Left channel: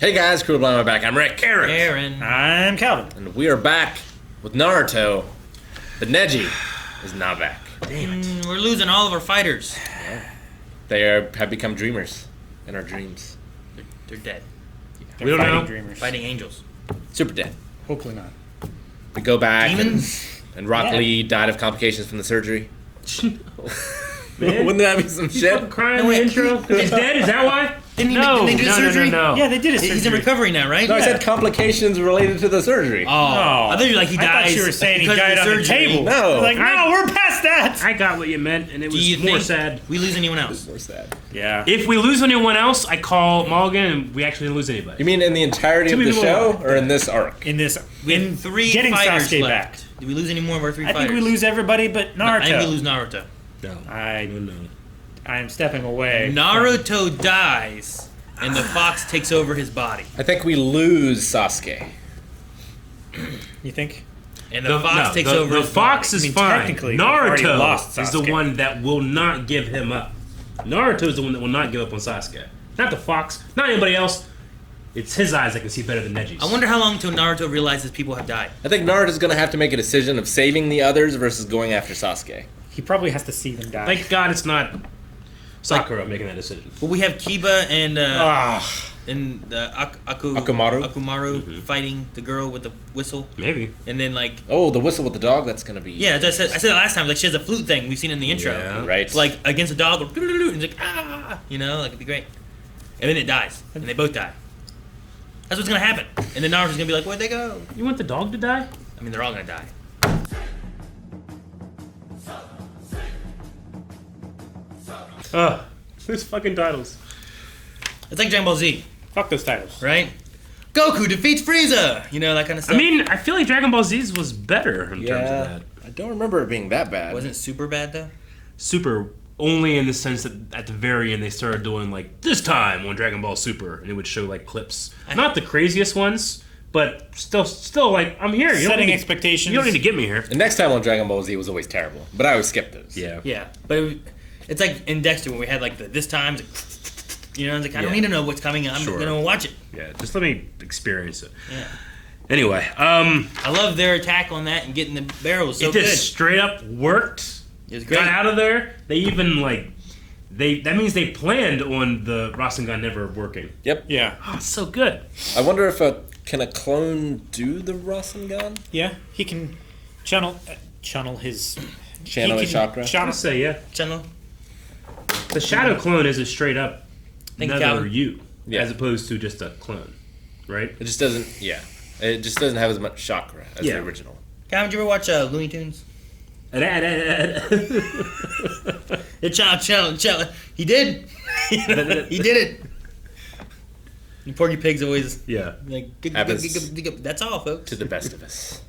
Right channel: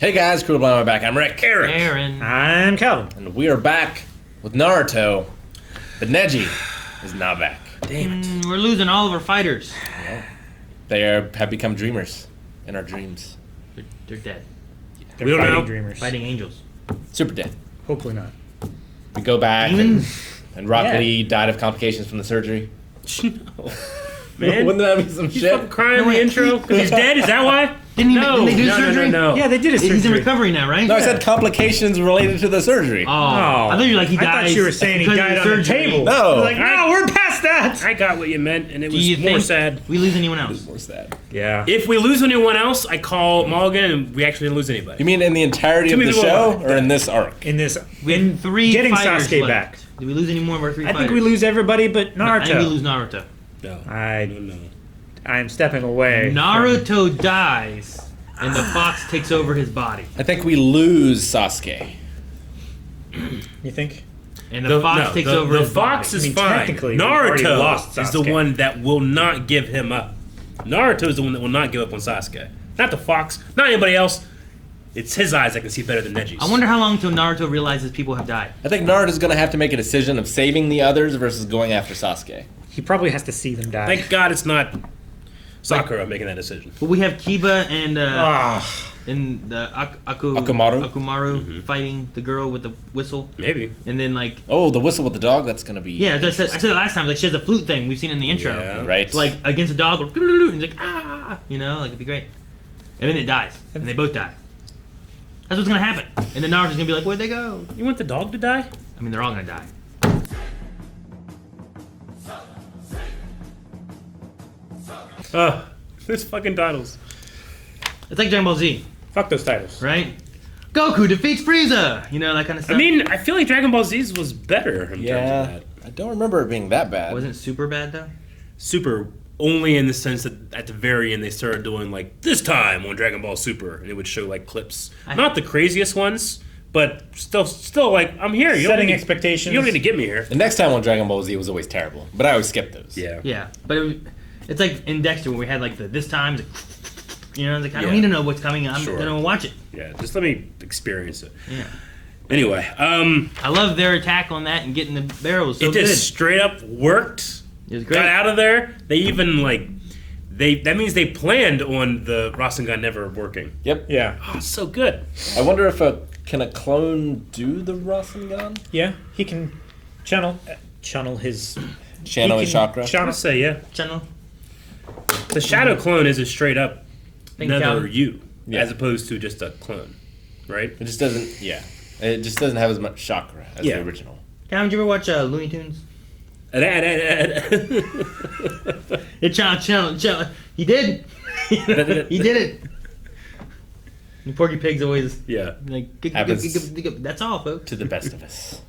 Hey guys, Cool Blind, back. I'm Rick. Aaron. I'm Calvin. And we are back with Naruto, but Neji is not back. Damn it. We're losing all of our fighters. Have become dreamers in our dreams. They're dead. They're We don't fighting know. dreamers. Fighting angels. Super dead. Hopefully not. We go back Demons? and Rock Yeah. Lee died of complications from the surgery. Man. Wouldn't that be some You shit? fucking crying in the wait. intro? Because he's dead? Is that why? Didn't they do surgery? No. Yeah, they did a surgery. He's in recovery now, right? No, I said complications related to the surgery. Oh. I thought you were like he I dies thought you were saying he because died of on the surgery. table. No. I was like, no, we're past that. I got what you meant, and it Do you was more think sad. we lose anyone else? More sad. Yeah. If we lose anyone else, I call Mulligan, and we actually didn't lose anybody. You mean in the entirety of Too the many show, people. or in this arc? In this, We have three getting fighters Sasuke left. back. Did we lose any more of our three I fighters? think we lose everybody but I think we Naruto. lose Naruto. No. I- No. I'm stepping away. Naruto dies, and the fox takes over his body. I think we lose Sasuke. You think? And the fox takes over the his fox body. is I mean, fine. technically, we've already lost Naruto is the Sasuke. one that will not give him up. Naruto is the one that will not give up on Sasuke. Not the fox, not anybody else. It's his eyes that can see better than Neji's. I wonder how long until Naruto realizes people have died. I think Naruto's gonna have to make a decision of saving the others versus going after Sasuke. He probably has to see them die. Thank God it's not Sakura making that decision. But we have Kiba and Ah, and the Akumaru? Akumaru fighting the girl with the whistle, Maybe. and then like Oh, the whistle with the dog, that's gonna be... yeah, as I said it last time. Like she has a flute thing we've seen in the intro. Yeah. Right. It's like against a dog, and it's like you know, like it'd be great. And then it dies, and they both die. That's what's gonna happen. And then Naruto's gonna be like, where'd they go? You want the dog to die? I mean, they're all gonna die. Oh, who's fucking titles? It's like Dragon Ball Z, fuck those titles. right? Goku defeats Frieza. You know, that kind of stuff. I mean, I feel like Dragon Ball Z was better in terms of Yeah. that. I don't remember it being that bad. wasn't super bad though. Super, only in the sense that at the very end they started doing like this time on Dragon Ball Super, and it would show like clips, not the craziest ones, but still like I'm here. You don't Setting need to- expectations. You don't need to get me here. The next time on Dragon Ball Z was always terrible, but I always skipped those. Yeah. Yeah, but it's like in Dexter when we had like the this time, it's like, you know, it's like I don't Yeah. need to know what's coming. I'm Sure. gonna watch it. Yeah. Just let me experience it. Yeah, Anyway, I love their attack on that and getting the barrels so it good. just straight up worked. It was great. Got out of there. They even like that means they planned on the Rasengan never working. Yep. Yeah. Oh, it's so good. I wonder if can a clone do the Rasengan? Yeah. He can channel his Channel he his can chakra? I Channel. say yeah. Channel. The shadow clone is a straight up Think another Calvin. you, Yeah. as opposed to just a clone, right? It just doesn't, yeah. It just doesn't have as much chakra as Yeah. the original. Calvin, did you ever watch Looney Tunes? Yeah, The channel. He did. He did it. The Porky Pig's always like. Happens. That's all, folks. To the best of us.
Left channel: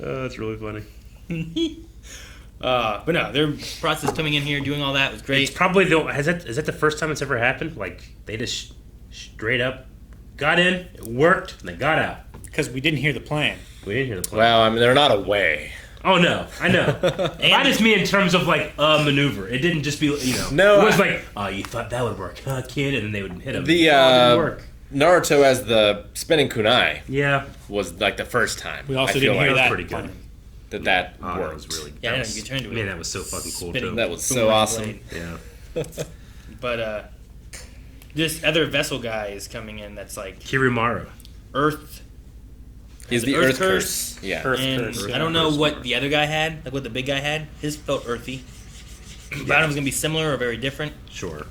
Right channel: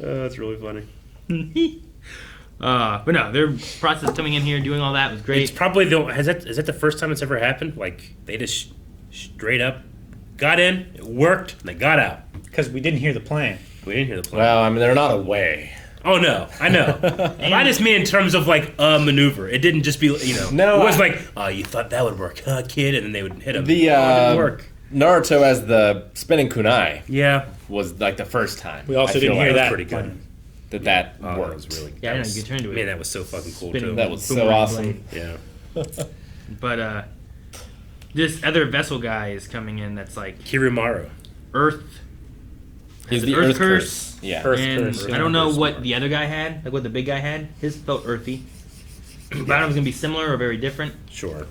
that's really funny. But no, their process coming in here doing all that was It's great. probably is that the first time it's ever happened? Like they just straight up got in, it worked, and they got out. Because we didn't hear the plan. We didn't hear the plan. Well, I mean, they're not away. Oh no, I know. I just mean in terms of like a maneuver. It didn't just be No, It was I- like, oh, you thought that would work, huh, kid? And then they would hit him. The oh, it didn't work. Naruto as the spinning kunai Yeah, was like the first time. We also I feel didn't like hear was that. pretty good. plan. that oh, worked. that was really. Yeah, I know, that you was- can turn to it. Man, that was so fucking cool. Spinning. Too. That was so Boomerang awesome. blade. Yeah, But this other vessel guy is coming in that's like Kirimaru. Earth. He's the Earth Earth curse. Curse. Yeah. Earth And curse, I yeah. don't know Earth what curse. the other guy had, like what the big guy had. His felt earthy. Bottom's gonna be similar or very different, Sure.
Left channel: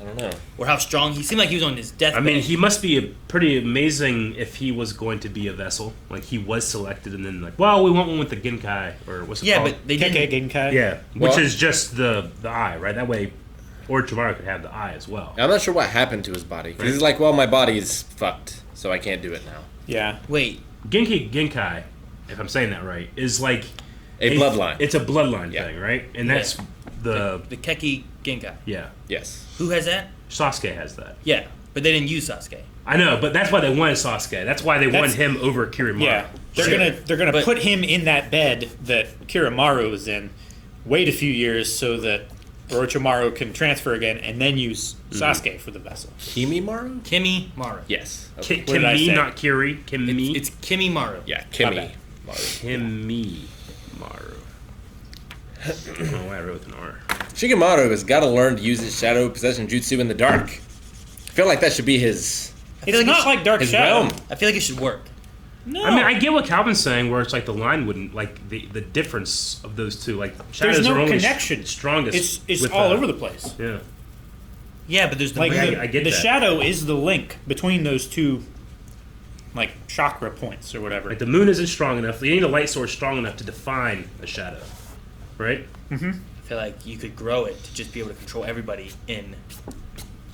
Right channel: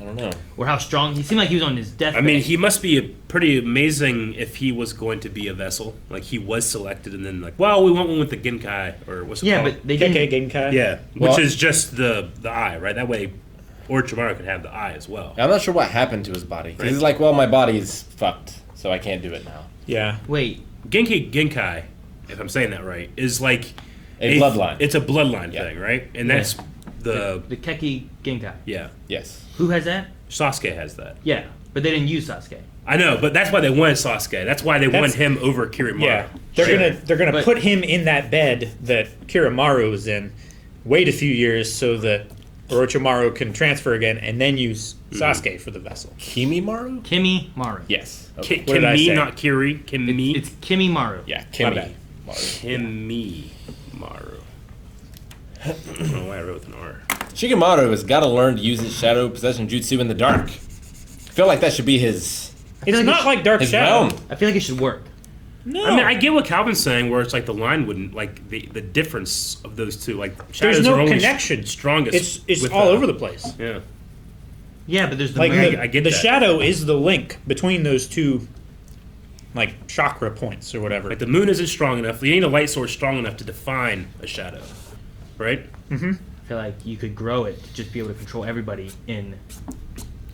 I don't know. or how strong. He seemed like he was on his deathbed. I mean, he must be pretty amazing if he was going to be a vessel. Like he was selected, and then like, well, we want one with the Genkai or what's it yeah, called? but they KK didn't. Genkai. Yeah, which Well- is just the eye, right? That way, Orochimaru could have the eye as well. I'm not sure what happened to his body. 'Cause he's like, well, my body's fucked, so I can't do it now. Yeah. Wait, Genkai, if I'm saying that right, is like A bloodline. It's a bloodline Yeah. thing, right? And that's the the Keki Genkai. yeah. Yes. Who has that? Sasuke has that. Yeah, but they didn't use Sasuke. I know, but that's why they wanted Sasuke. That's why they wanted That's- him over Kirimaru. Yeah. They're Shit. gonna But- put him in that bed that Kirimaru was in. Wait a few years so that Orochimaru can transfer again and then use Sasuke for the vessel. Kimimaru? Kimimaru. Yes. Okay. What did I Kimi, say? not Kiri. Kimi. It's Kimimaru. Yeah, My Kimi. bad. Kimi Maru. I don't know why I wrote with an R. Shikamaru has got to learn to use his shadow possession jutsu in the dark. I feel like that should be his It's like not it's like Dark his Shadow. realm. I feel like it should work. No. I mean, I get what Calvin's saying, where it's like the line wouldn't, like, the difference of those two. Like, shadows There's no are only connection. strongest. It's with all over the place. Yeah. Yeah, but there's the Like moon. the, I get the that. shadow is the link between those two, like chakra points or whatever. Like, the moon isn't strong enough. You need a light source strong enough to define a shadow. Right? I feel like you could grow it to just be able to control everybody in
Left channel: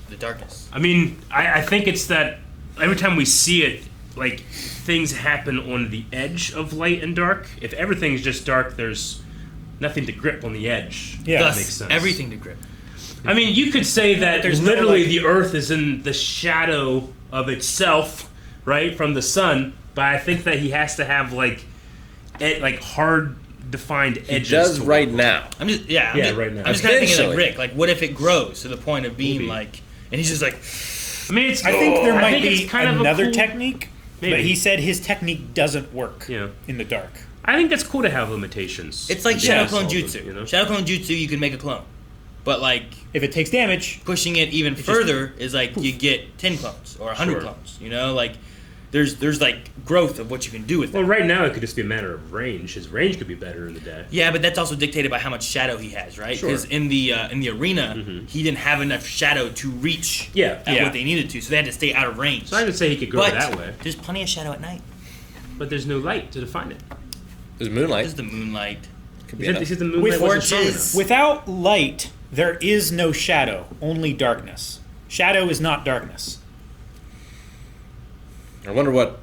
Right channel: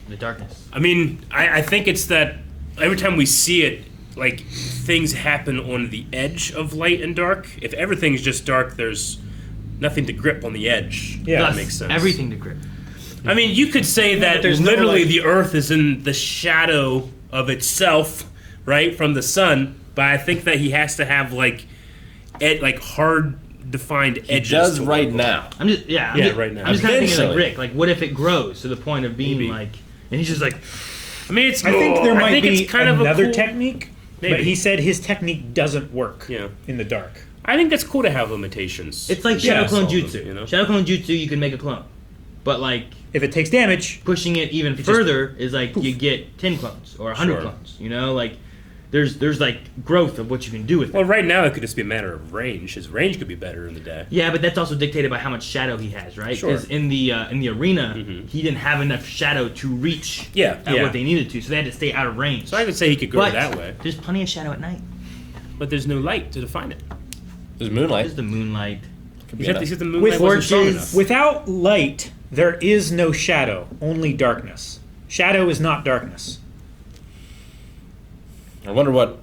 the darkness. I mean, I think it's that every time we see it, like, things happen on the edge of light and dark. If everything's just dark, there's nothing to grip on the edge. Yeah. That Thus, makes sense. everything to grip. I mean, you could say that there's no, literally like- the Earth is in the shadow of itself, right, from the sun. But I think that he has to have like hard defined He edges. does to right work now. I'm just right now. I'm just kind of thinking like Eventually. Rick. Like, what if it grows to the point of being Maybe. like, and he's just like, I mean, it's. I think there I might think be it's kind of a another cool- technique, but Maybe. he said his technique doesn't work Yeah. in the dark. I think that's cool to have limitations. it's like Yeah. Shadow Clone Solve Jutsu. it, you know? Shadow Clone Jutsu, you can make a clone, but like If it takes damage, pushing it even just- further is like you get 10 clones or 100 Sure. clones. You know, like there's like growth of what you can do with it. Well, right now it could just be a matter of range. His range could be better in the day. Yeah, but that's also dictated by how much shadow he has, right? Sure. Because in the arena, Mhm. he didn't have enough shadow to reach Yeah. at Yeah. what they needed to, so they had to stay out of range. So I would say he could go but that way, there's plenty of shadow at night. but there's no light to define it. There's moonlight. There's the moonlight. Could He be said the moonlight With wasn't strong torches. enough. without light, there is no shadow, only darkness. Shadow is not darkness. I wonder what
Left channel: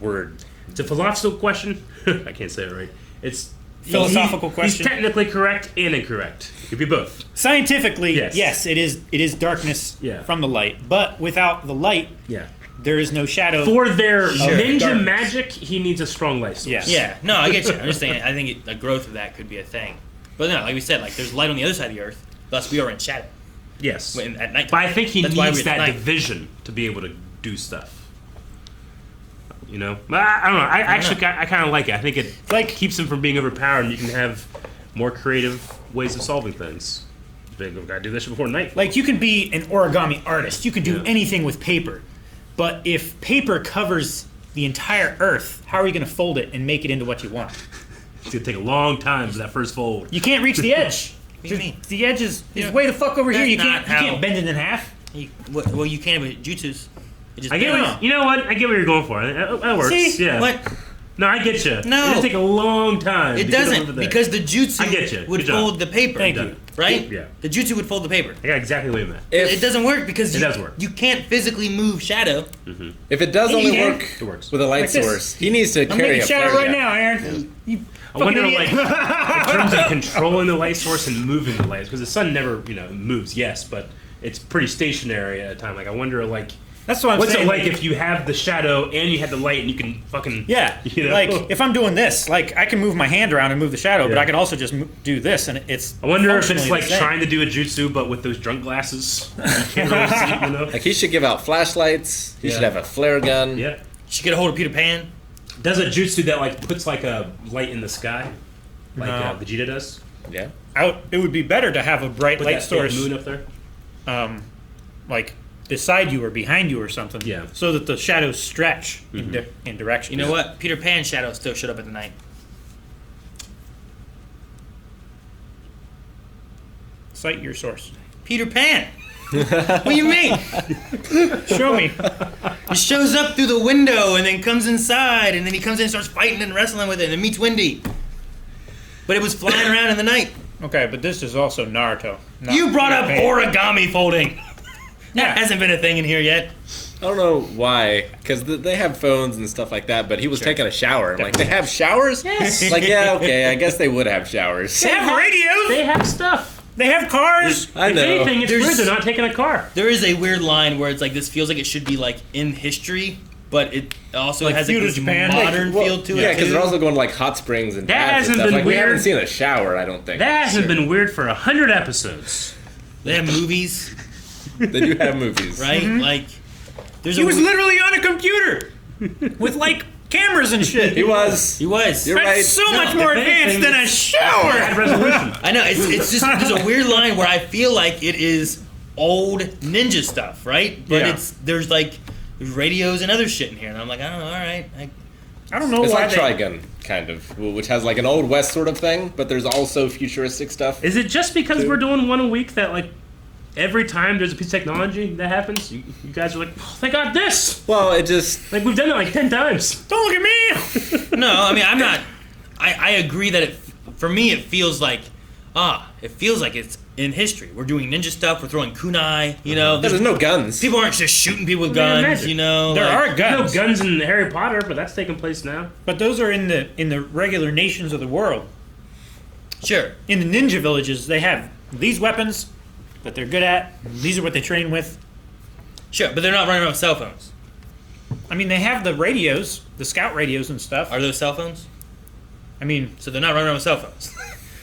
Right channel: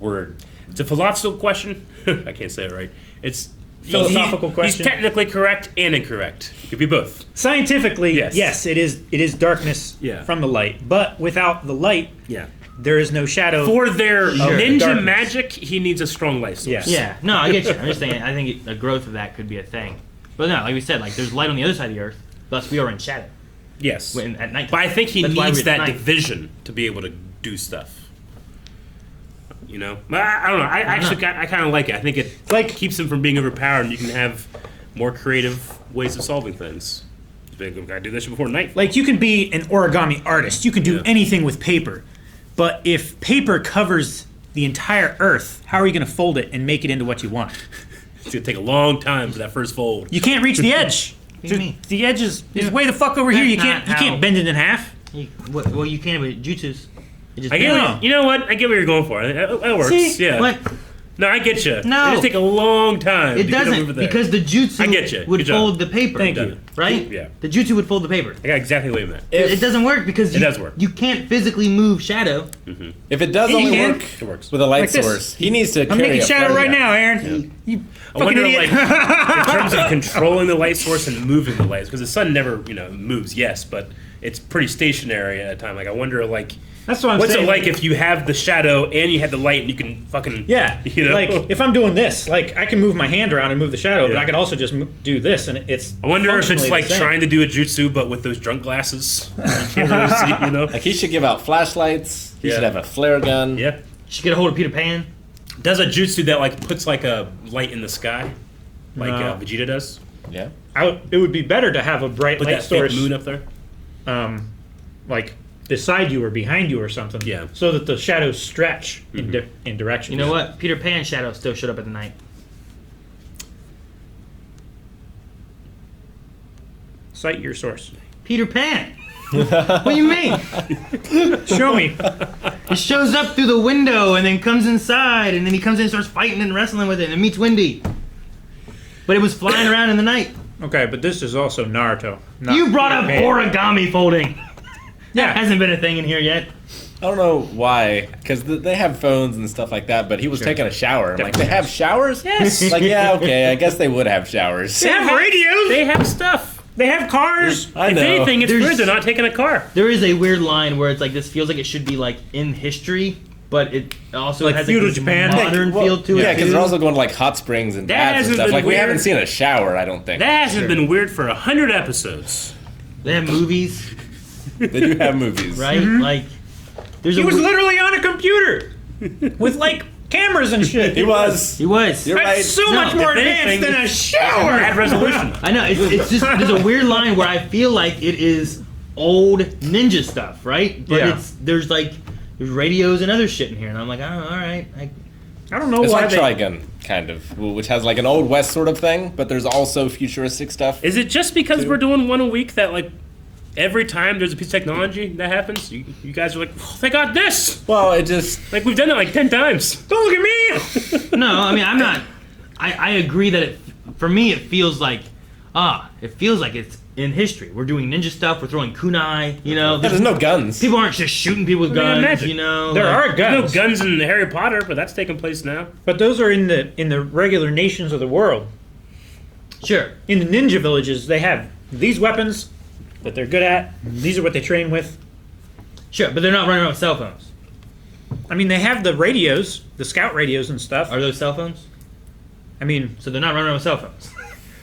word. It's a philosophical question. I can't say it right. It's Philosophical question. He's technically correct and incorrect. It could be both. Scientifically, Yes. yes, it is darkness Yeah. from the light, but without the light, Yeah. there is no shadow. For their ninja darkness. magic, he needs a strong light source. Yes. Yeah, no, I get you. I'm just saying, I think the growth of that could be a thing. But no, like we said, like there's light on the other side of the earth, thus we are in shadow Yes. when, at night. But I think he That's why needs we're at that night. division to be able to do stuff. You know? I don't know. I actually I kind of like it. I think it Like- keeps him from being overpowered. You can have more creative ways of solving things. I do this before night. Like you can be an origami artist, you can do Yeah. anything with paper, but if paper covers the entire earth, how are you going to fold it and make it into what you want? It's gonna take a long time for that first fold. You can't reach the edge. What do you mean? The edge is Yeah. way the fuck over here. You That's can't not how- bend it in half. Well, you can with jutsus. It just I get No. what, you know what? I get what you're going for. That works. See? Yeah. What? No, I get you. No. It'll take a long time. It to get over doesn't, there. because the jutsu I get you. would Good job. fold the paper. Thank Done you. it. Right? Yeah. The jutsu would fold the paper. I got exactly what you meant. It doesn't work because It does work. you can't physically move shadow. If it does only Yeah. work It works. with a light Like this. source, he needs to I'm carry making a shadow flare right gun. now, Aaron. You I fucking wonder, idiot. like, in terms of controlling the light source and moving the light, because the sun never, moves. Yes, but it's pretty stationary at a time. Like, I wonder, like, That's what I'm what's saying. it like if you have the shadow and you have the light and you can fucking Yeah, you know? like if I'm doing this, like I can move my hand around and move the shadow, but Yeah. I can also just do this, and it's. I wonder if it's functionally like the same. trying to do a jutsu but with those drunk glasses. You can't really see. Like he should give out flashlights. He Yeah. should have a flare gun. Yeah. You should get a hold of Peter Pan. Does a jutsu that like puts like a light in the sky, like No. Vegeta does. Yeah. It would be better to have a bright Put light that fake source, moon up there. like beside you or behind you or something. Yeah. So that the shadows stretch in direction. You know what? Peter Pan shadow still showed up at the night. Cite your source. Peter Pan. What do you mean? Show me. It shows up through the window and then comes inside, and then he comes in and starts fighting and wrestling with it, and it meets Wendy. But it was flying around in the night. Okay, but this is also Naruto. not You brought up Peter Pan. origami folding. Yeah. Hasn't been a thing in here yet. I don't know why, because they have phones and stuff like that. But he was taking a shower. I'm like, they have showers? Yes. Like, yeah, okay. I guess they would have showers. They have radios. They have stuff. They have cars. I If know. anything, it's There's- weird they're not taking a car. There is a weird line where it's like this feels like it should be like in history, but it also Like has feudal this Japan? modern feel to Yeah, it because too. they're also going to like hot springs and That baths and hasn't stuff. been Like we weird. haven't seen a shower, I don't think. That hasn't been weird for 100 episodes. They have movies, They do have movies. right? Like there's He a was weird- literally on a computer with like cameras and shit. He was. he was. You're right. That's so No, much more if advanced anything, than a Had shower. resolution. I know it's just there's a weird line where I feel like it is old ninja stuff, right? But Yeah. there's radios and other shit in here, and I'm like, oh, all right. I don't know It's why like they. Trigun, kind of, which has like an old west sort of thing, but there's also futuristic stuff. Is it just because Two. we're doing one a week that like every time there's a piece of technology that happens, you guys are like, oh, they got this. Well, it just Like we've done it like 10 times. Don't look at me. No, I mean I'm not. I agree that for me it feels like it's in history. We're doing ninja stuff. We're throwing kunai. You know, there's no guns. people aren't just shooting people with Yeah, guns. imagine. You know, There like- are No guns, guns in Harry Potter, but that's taking place now. but those are in the regular nations of the world. Sure. In the ninja villages, they have these weapons that they're good at. And these are what they train with. Sure, but they're not running around with cell phones. I mean, they have the radios, the scout radios and stuff. Are those cell phones? I mean, So they're not running around with cell phones.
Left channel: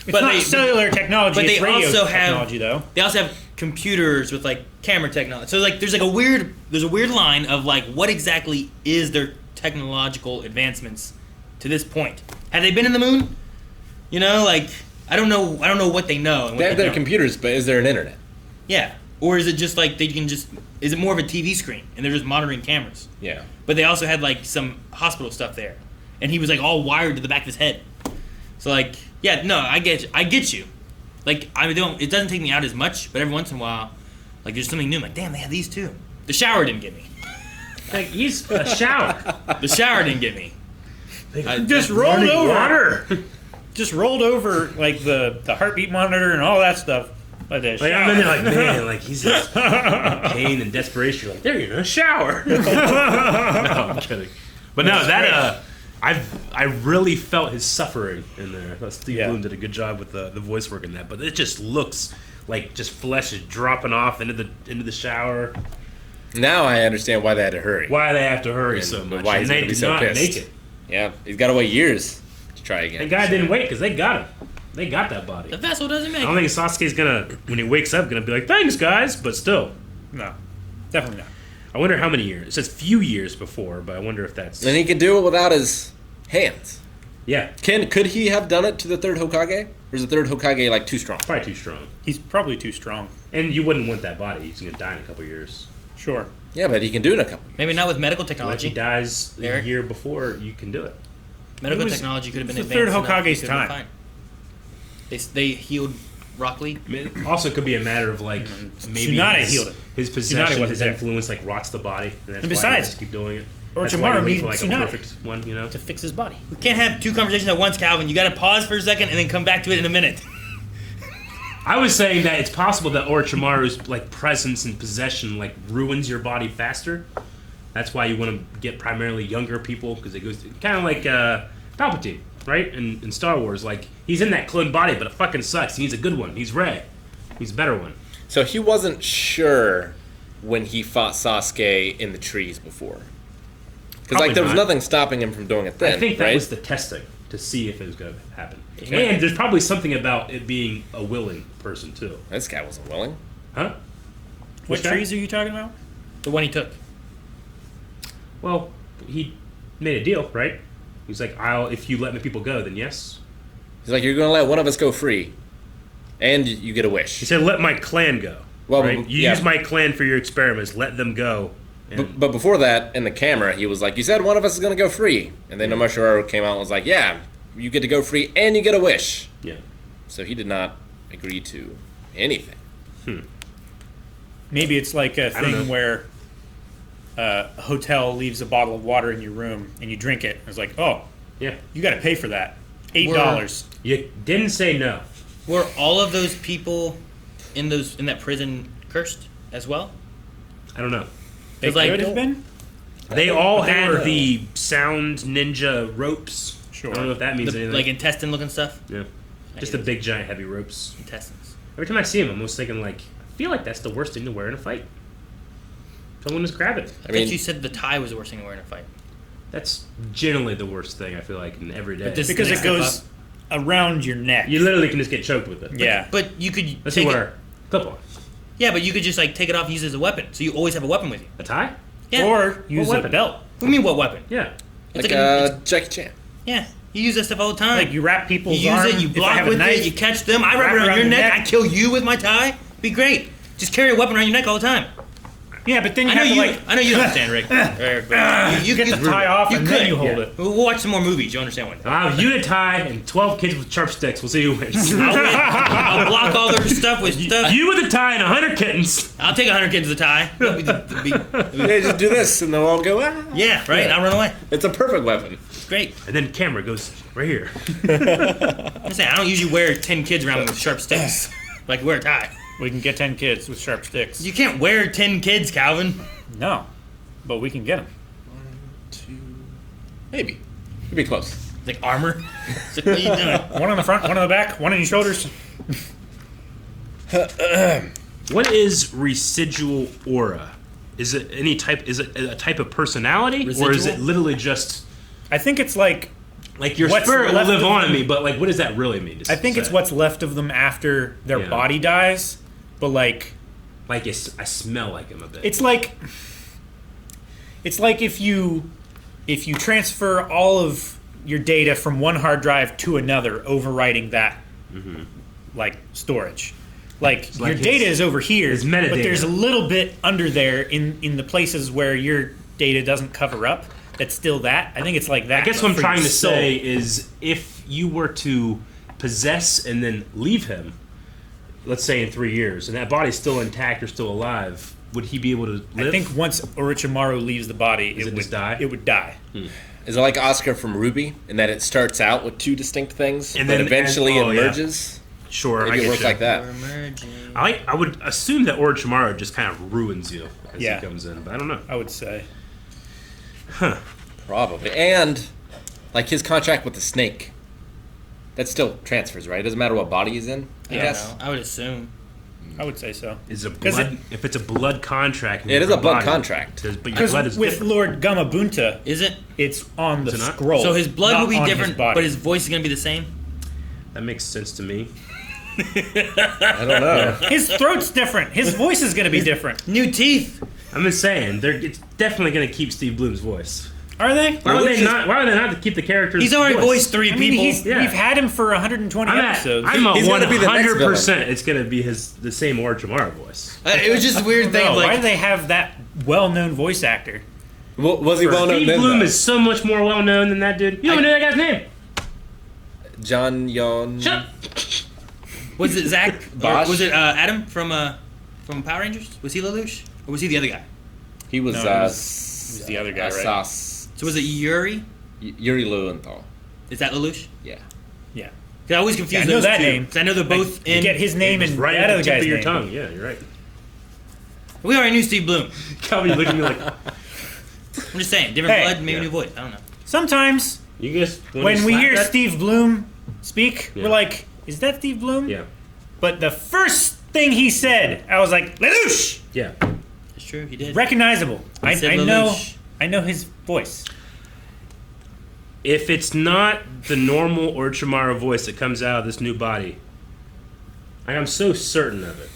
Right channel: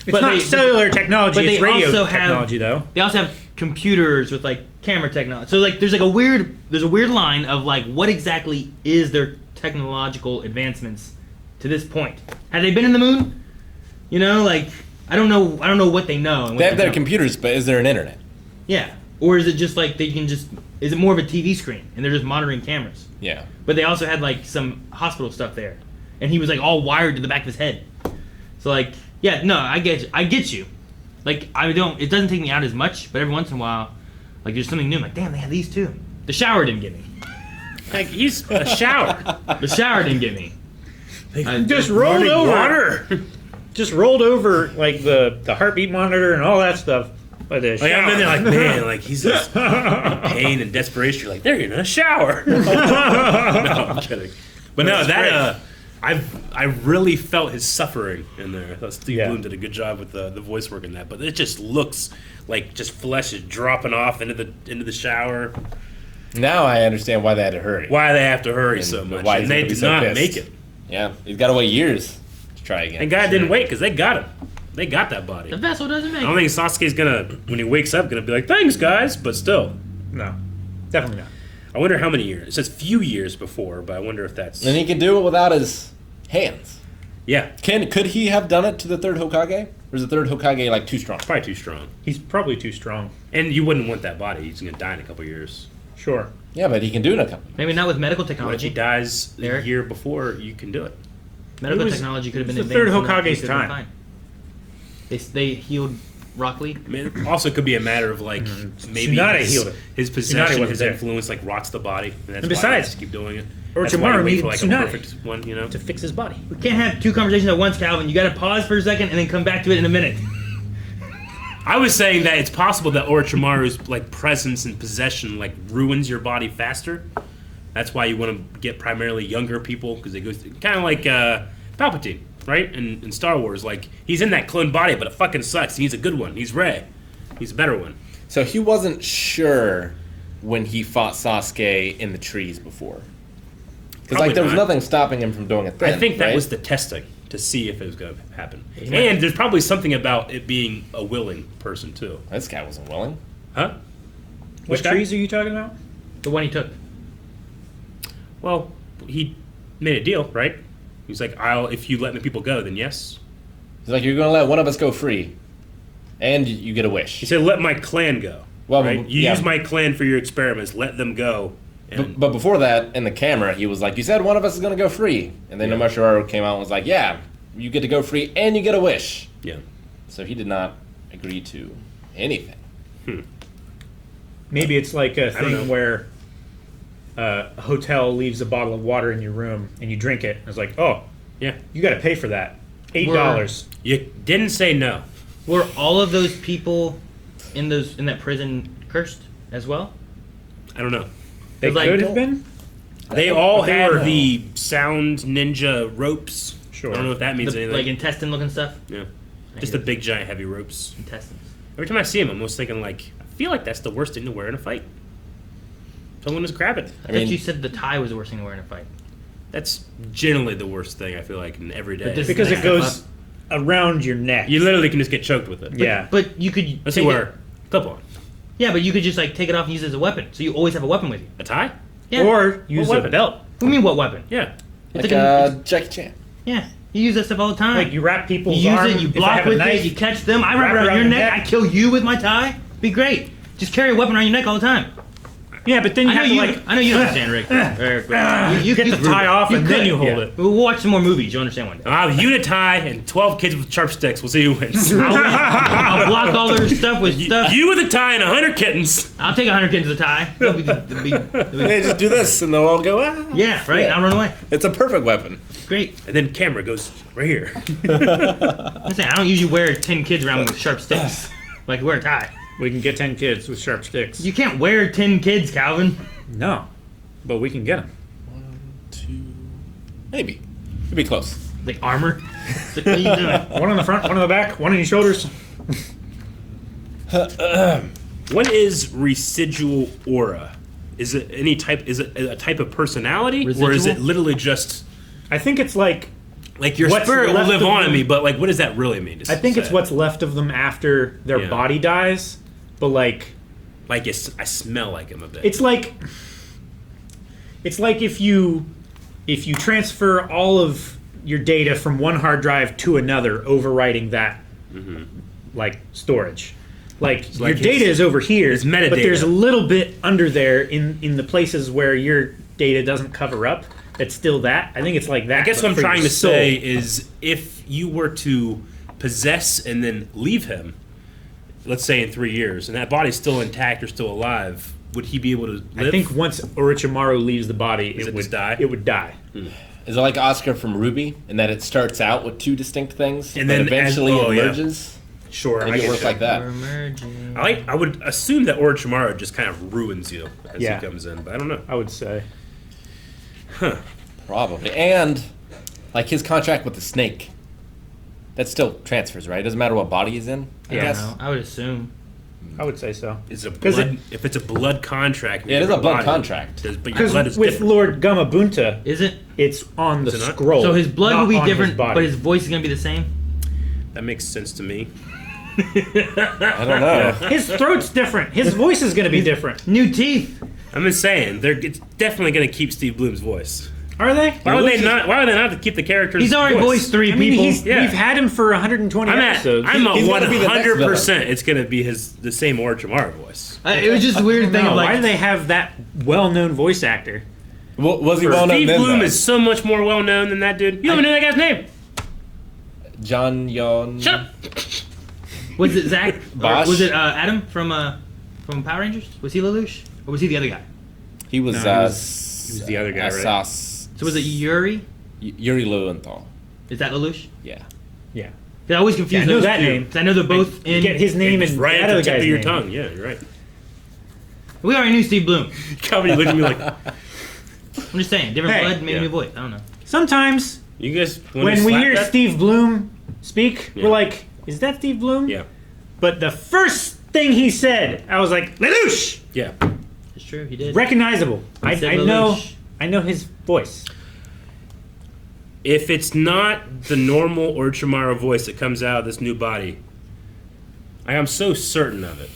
it's But not they- cellular technology. but they it's radio also have- technology, though. They also have computers with like camera technology. So like there's a weird line of like what exactly is their technological advancements to this point? Have they been in the moon? You know, like I don't know what they know. and what They have their don't. computers, but is there an internet? Yeah. Or is it just like is it more of a TV screen and they're just monitoring cameras? Yeah. But they also had like some hospital stuff there. And he was like all wired to the back of his head. So like, yeah, no, I get you. Like it doesn't take me out as much, but every once in a while, like there's something new. I'm like, damn, they have these too. The shower didn't get me. Like he's a shower. The shower didn't get me. Just rolled Running over. water. Just rolled over like the heartbeat monitor and all that stuff. By the Like I'm in there shower. like, man, like he's just in pain and desperation. You're like, there you're in a shower. No, I'm kidding. But no, that I really felt his suffering in there. Steve Yeah. Bloom did a good job with the voice work in that. But it just looks like just flesh is dropping off into the shower. Now I understand why they had to hurry. Why they have to hurry And so much? why he's and they gonna be did so not pissed. make it. Yeah, he's got to wait years to try again. And guy didn't wait because they got him. They got that body. The vessel doesn't make I don't think Sasuke's gonna, when he wakes up, gonna be like, thanks guys, but still. No, definitely not. I wonder how many years. It says few years before, but I wonder if that's... And he could do it without his hands. Yeah, Could he have done it to the third Hokage? Or is the third Hokage like too strong? probably too strong. He's probably too strong. And you wouldn't want that body. He's gonna die in a couple years. Sure. Yeah, but he can do it in a couple. Maybe not with medical Like he technology. dies Eric? a year before, you can do it. Medical It was- technology could have been it's the third advanced enough, Hokage's he could have been time. fine. They healed Rock Lee. I mean, it also could be a matter of like maybe Tsunade his, healed him. his Tsunade possession, wasn't his there. influence like rots the body, and that's And why besides, they just keep doing it. Orochimaru That's why you wait needed for like Tsunade. a perfect one, you know. To fix his body. We can't have two conversations at once, Calvin. You gotta pause for a second and then come back to it in a minute. I was saying that it's possible that Orochimaru's like presence and possession like ruins your body faster. That's why you want to get primarily younger people because it goes kind of like Palpatine, right? In Star Wars, like he's in that clone body, but it fucking sucks. He's a good one. He's Rey. He's a better one. So he wasn't sure when he fought Sasuke in the trees before. Because Probably like there was not. nothing stopping him from doing it then. I think that right? was the testing to see if it was going to happen. And there's probably something about it being a willing person too, This guy wasn't willing. huh? What Which guy? trees are you talking about? The one he took. Well, he made a deal, right? He's like, if you let my people go, then yes. He's like, you're going to let one of us go free, and you get a He wish. said, let my clan go. Well, right? You yeah. use my clan for your experiments. Let them go. And But before that, in the camera, he was like, you said one of us is going to go free. And then Yeah. Inomachimaru came out and was like, yeah, you get to go free and you get a wish. yeah. So he did not agree to anything. Maybe it's like a I don't know. thing where a hotel leaves a bottle of water in your room and you drink it. It's like, oh, Yeah. you got to pay for that. $8. You didn't say no. Were all of those people in that prison cursed as well? I don't know. They It's like- could have been. They all they had were- the sound ninja ropes. Sure. I don't know if that means The, anything. like intestine looking stuff? yeah. Just the big giant heavy ropes. Intestines. Every time I see him, I'm almost thinking like, I feel like that's the worst thing to wear in a fight. Someone just grab it. I think you said the tie was the worst thing to wear in a fight. That's generally the worst thing, I feel like, in every day. But this- Because it goes around your neck. You literally can just get choked with it. Yeah. But you could Let's take see it. where. Clip on. Yeah, but you could just like take it off and use it as a weapon. So you always have a weapon with you. A tie? Yeah. Or use a weapon? belt. What do you mean what weapon? Yeah. It's Like Jackie Chan. yeah. You use that stuff all the time. Like you wrap people's You use arm, it, you if they block have a with knife, it, you catch them. I wrap it around your neck. I kill you with my tie. Be great. Just carry a weapon around your neck all the time. Yeah, but then you I know have you. to like I know you understand, Rick. you get the tie off and then you hold yeah. it. We'll watch some more movies. You understand one day. I'll have you in a tie and 12 kids with sharp sticks. We'll see who wins. I'll block all their stuff with stuff. You with a tie and 100 kittens. I'll take 100 kids with a tie. That'll be the big. Hey, just do this and they'll all go, ah. Yeah, right. And I'll run away. It's a perfect weapon. Great. And then camera goes right here. I'm saying I don't usually wear 10 kids around me with sharp sticks. Like you wear a tie. We can get 10 kids with sharp sticks. You can't wear 10 kids, Calvin. No, but we can get them. 2, maybe. It'd be close. Like armor. It's like, what are you doing? One on the front, one on the back, one on your shoulders. What is residual aura? Is it any type? Is it a type of personality, or is Residual? it literally just I think it's like your What's spirit will left live of on in them? me? But like, what does that really mean? I think it's what's left of them after their Yeah. body dies. But like like I smell like him a bit. it's like if you transfer all of your data from one hard drive to another, overwriting that like storage. Like your like data his- is over here, his but metadata. there's a little bit under there in the places where your data doesn't cover up. It's still that. I think it's like that. I guess but what I'm for trying your to soul. say is, if you were to possess and then leave him, let's say in 3 years, and that body's still intact or still alive, would he be able to live? I think once Orochimaru leaves the body, Does it would just die? It would die. Is it like Oscar from Ruby, in that it starts out with 2 distinct things, And but then- eventually and- oh, it yeah. merges? Sure, Maybe I it works get like that. I would assume that Orochimaru just kind of ruins you as Yeah. he comes in, but I don't know. I would say. Probably. And, like, his contract with the snake, that still transfers, right? It doesn't matter what body he's in, I Yeah. guess. I would assume. I would say so. Is a 'Cause blood, if it's a blood contract, Yeah, it is your a blood body, contract. but your Because blood is with different. Lord Gamabunta, Is it? it's on the Is it not? scroll. So his blood not will be on different, body. but his voice is going to be the same? That makes sense to me. I don't know. His throat's different. His voice is going to be different. New teeth. I'm just saying, it's definitely going to keep Steve Bloom's voice. Are they? Why would they not? Why would they not to keep the characters? He's already voice? voiced 3 I mean, people. Yeah. we've had him for 120 episodes. I'm He's gonna be the next 100%. It's going to be the same Orochimaru voice. It was just a weird thing No, of why like. do they have that well-known voice actor? Was he well known Steve then, Bloom though? is so much more well known than that dude. You don't even know that guy's name. John Yon... Shut. Was it Zach? Or Bosch? was it Adam from Power Rangers? Was he Lelouch? Or was he the other guy? He was, No, he was the other guy, right? Sauce... So was it Yuri? Yuri Lowenthal. Is that Lelouch? Yeah. Yeah. 'Cause I always confuse I know those that two. name. 'Cause I know they're both You in. get his name It's and right that at other the tip guy's of your name. tongue. Yeah, you're right. We already knew Steve Bloom. Calvin looked at me like, I'm just saying, different Hey. blood, maybe Yeah. new voice. I don't know. Sometimes you guys. when we hear that? Steve Bloom speak, Yeah. we're like, is that Steve Bloom? Yeah. But the first thing he said, I was like, Lelouch! Yeah. It's true, he did. Recognizable. I said know. Lelouch. I know his voice. If it's not the normal Orochimaru voice that comes out of this new body, I'm so certain of it.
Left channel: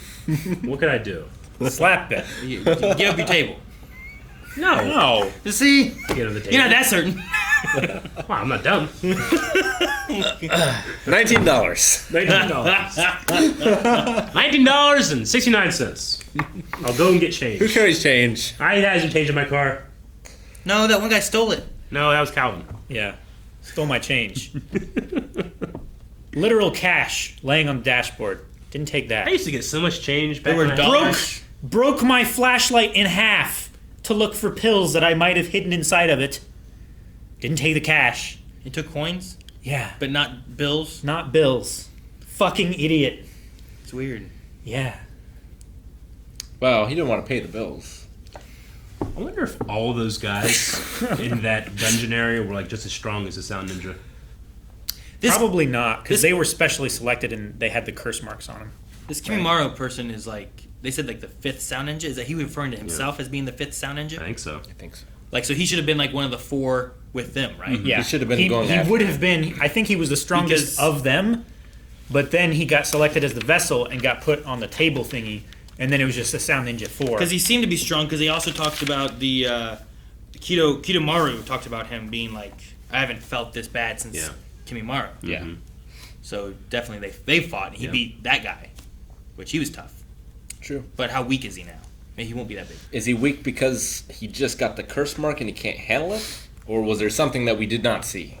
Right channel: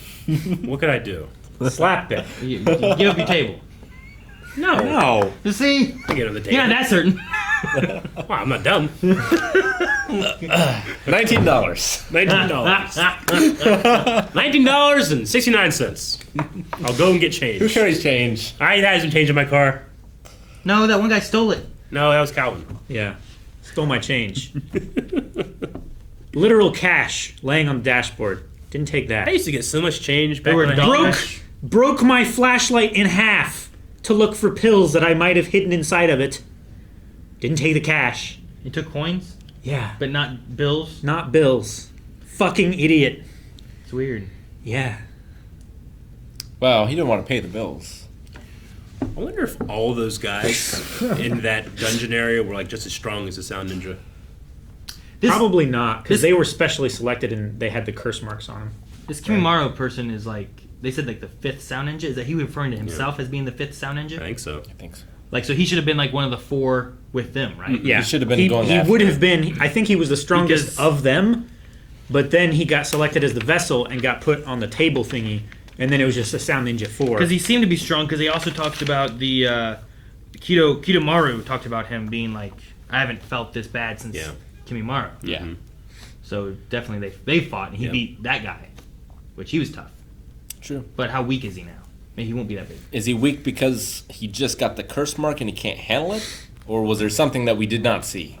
What can I do? Slap it. Give up your table. No. No. You see, I get on the table. you're not that certain. Wow, I'm not dumb. $19. $19. $19.69. I'll go and get change. Who carries change? I hasn't changed in my car. No, that one guy stole it. No, that was Calvin. Yeah. Stole my change. Literal cash laying on the dashboard. Didn't take that. I used to get so much change back were when I dollars. Broke my flashlight in half to look for pills that I might have hidden inside of it. Didn't take the cash. He took coins, Yeah. but not bills. Not bills. Fucking idiot. It's weird. Yeah. Well, he didn't want to pay the bills. I wonder if all those guys in that dungeon area were like just as strong as the Sound Ninja. This Probably not, because this- they were specially selected and they had the curse marks on them. this Kimimaro person is like they said like the fifth sound ninja. Is that he referring to himself as being the fifth sound ninja? I think so. I think so. Like, so he should have been like one of the 4 with them, right? Yeah, He should have been going He after would it. have been. I think he was the strongest Because- of them, but then he got selected as the vessel and got put on the table thingy, and then it was just a Sound Ninja 4. Because he seemed to be strong. Because he also talked about the Kidomaru talked about him being like, I haven't felt this bad since Yeah. Kimimaro. Yeah. So definitely they fought and he Yep. beat that guy, which he was tough. True. But how weak is he now? Maybe he won't be that big. Is he weak because he just got the curse mark and he can't handle it? Or was there something that we did not see?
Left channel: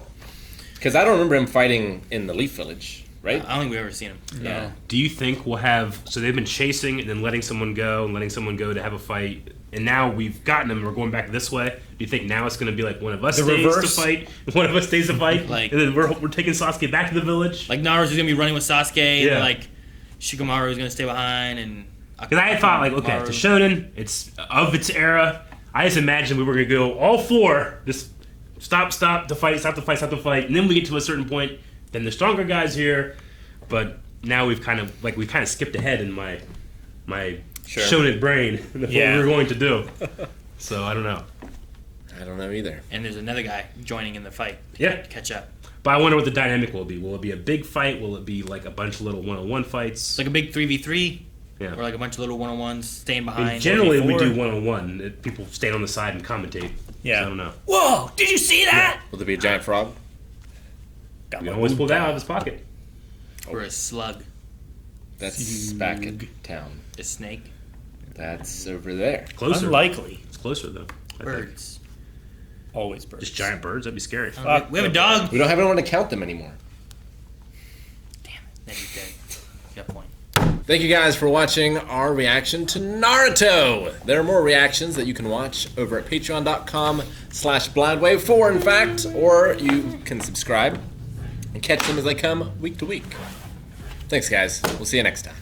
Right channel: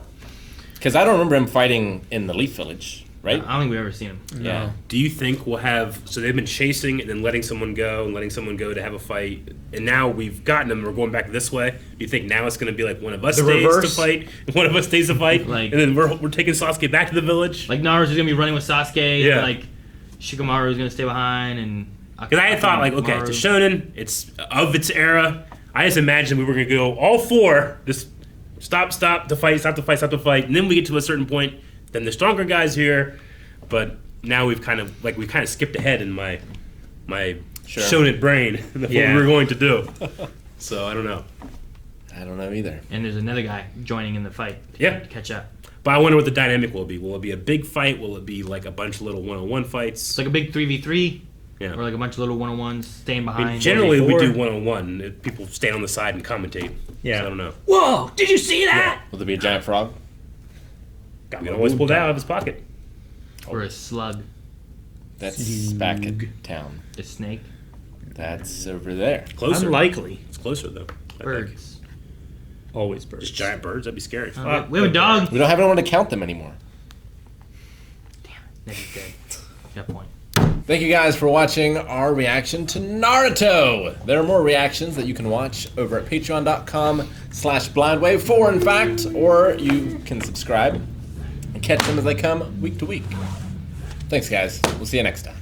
Because I don't remember him fighting in the Leaf Village, right? I don't think we've ever seen him. Yeah. Do you think we'll have? So they've been chasing and then letting someone go and letting someone go to have a fight, and now we've gotten them. We're going back this way. Do you think now it's going to be like one of us The stays reverse? to fight, one of us stays to fight, Like- and then we're taking Sasuke back to the village? Like Naruto's gonna be running with Sasuke. Yeah. And like Shikamaru's gonna stay behind and. Because I had thought like, okay, it's a shonen, it's of its era. I just imagined we were gonna go all 4, just stop to fight, and then we get to a certain point. Then the stronger guys here, but now we've kind of skipped ahead in my Sure. shonen brain of what Yeah. we were going to do. So I don't know. I don't know either. And there's another guy joining in the fight. Yeah. To catch up. But I wonder what the dynamic will be. Will it be a big fight? Will it be like a bunch of little one-on-one It's fights? like a big 3v3. Yeah. Or like a bunch of little 1-on-1s staying I behind. mean, generally, we do 4. one-on-one. People stand on the side and commentate. Yeah. So I don't know. Whoa! Did you see that? Will there be a giant frog? We can always pull that out of his pocket. Or a slug. That's back in town. A snake. That's over there. Closer. Unlikely. It's closer though. I think. Birds. Always birds. Just giant birds. That'd be scary. We have a dog. We don't have anyone to count them anymore. Damn it. That's good. Got a point. Thank you guys for watching our reaction to Naruto. There are more reactions that you can watch over at patreon.com/blindwave4 in fact, or you can subscribe and catch them as they come week to week. Thanks guys. We'll see you next time.